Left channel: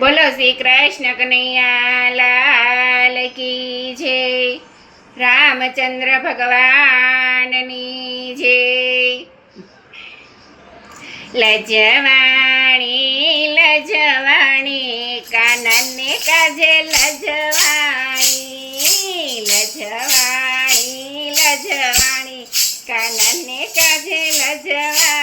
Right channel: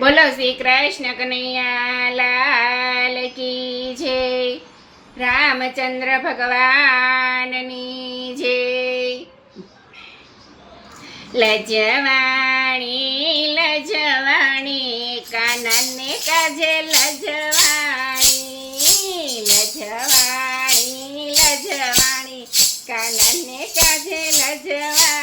બોલો શ્રી કૃષ્ણ કનૈયા, લાલ કી જય. રામચંદ્ર ભગવાનની જય. લજવાણી લજવાણી, કાનને કાજે લજવાણી લજવાણી લજવાણી, કાનને કાજે લજવાણી.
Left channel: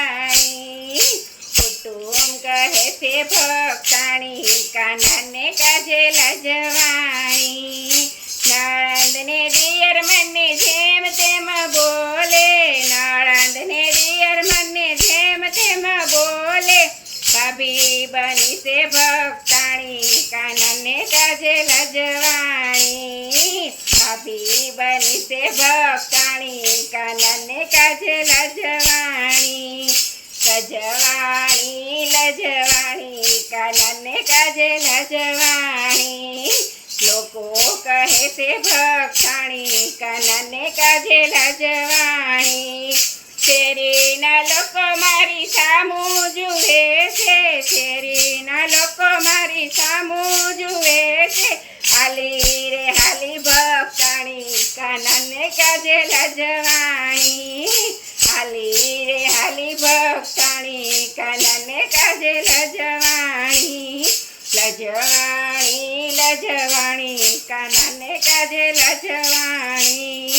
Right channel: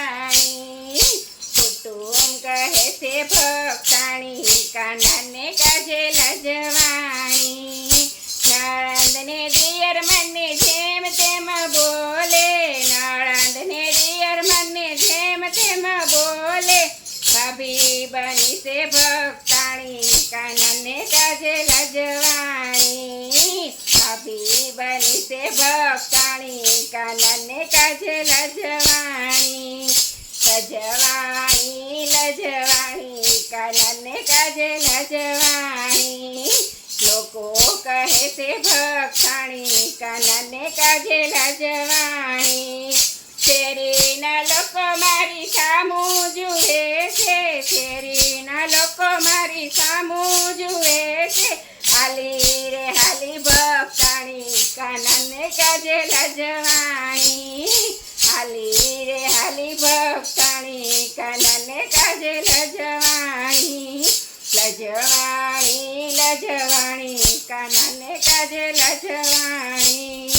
કાનને કાજે લજવાણી નળંદને દિયર મને જેમ તેમ બોલે નળંદને દિયર મને જેમ તેમ બોલે ભાભી બની છે ભક્તાણી કાનને કાજે લજવાણી ભાભી બની છે ભક્તાણી કાનને કાજે લજવાણી લજવાણી લજવાણી કાનને કાજે લજવાણી લોકો કહે છે ભક્ષાણી કાનને કાજે લજવાણી શેરીના લોકો મારી સામું જુએ છે શેરીના લોકો મારી સામું જુએ છે હાલી રે હાલી ભક્ષાણી કાનને કાજે લજવાણી હાલી રે હાલી ભક્ષાણી કાનને કાજે લજવાણી લજવાણી લજવાણી કાનને કાજે લજવાણી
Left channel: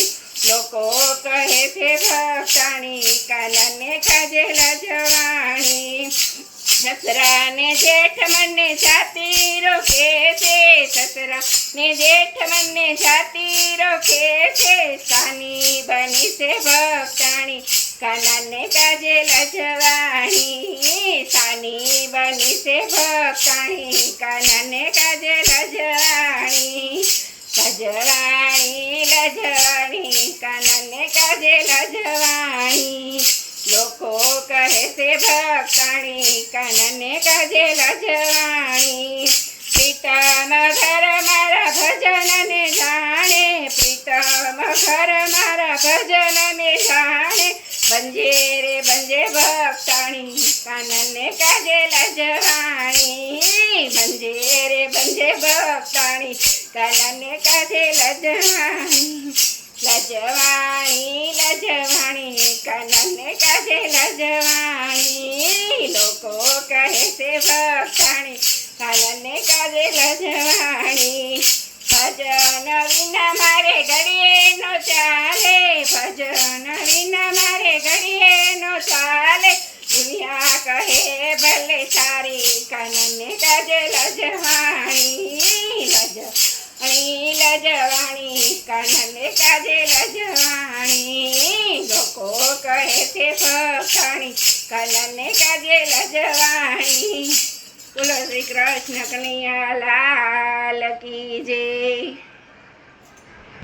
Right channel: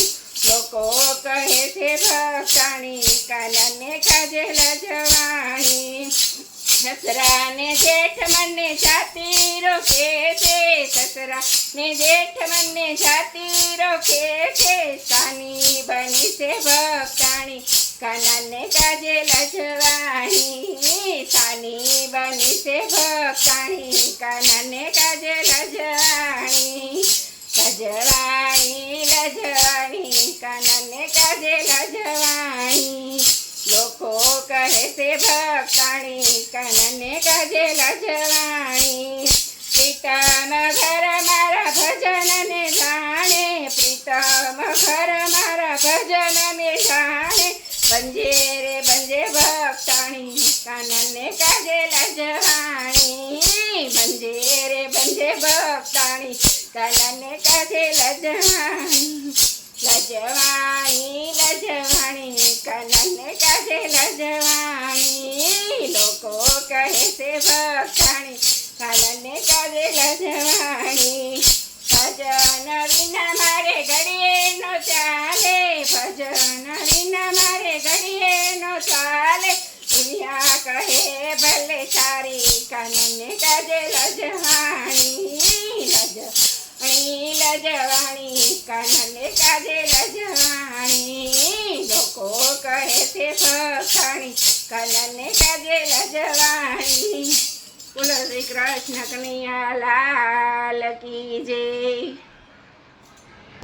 લોકો કહે છે ભક્ષાણી કાનને કાજે લજવાણી સસરાને જેઠ મને જાતી રોકે છે સસરાને જેઠ મને જાતી રોકે છે સાની બની છે ભક્ષાણી કાનને કાજે લજવાણી સાની બની છે ભક્ષાણી કાનને કાજે લજવાણી લજવાણી લજવાણી કાનને કાજે લજવાણી લોકો કહે છે ભક્ષાણી કાનને કાજે લજવાણી પ્રીતમ ઘર મારા ભજનને જાણે પ્રીતમ ઘર મારા ભજનને જાણે બંજે રે બંજે ભક્ષાણી કાનને કાજે લજવાણી બંજે રે બંજે ભક્ષાણી કાનને કાજે લજવાણી લજવાણી લજવાણી કાનને કાજે લજવાણી લોકો કહે છે ભક્ષાણી કાનને કાજે લજવાણી ભજન વિના મારે ઘડીએ નો ચાલે ભજન વિના મારે ઘડીએ નો ચાલે દુનિયા કહે, ભલે સારી કાનને કાજે લજવાણી લજવાણી લજવાણી, કાનને કાજે લજવાણી, લોકો કહે છે ભક્ષાણી કાનને કાજે લજવાણી. બોલો શ્રી કૃષ્ણ કનૈયા લાલ કી જય.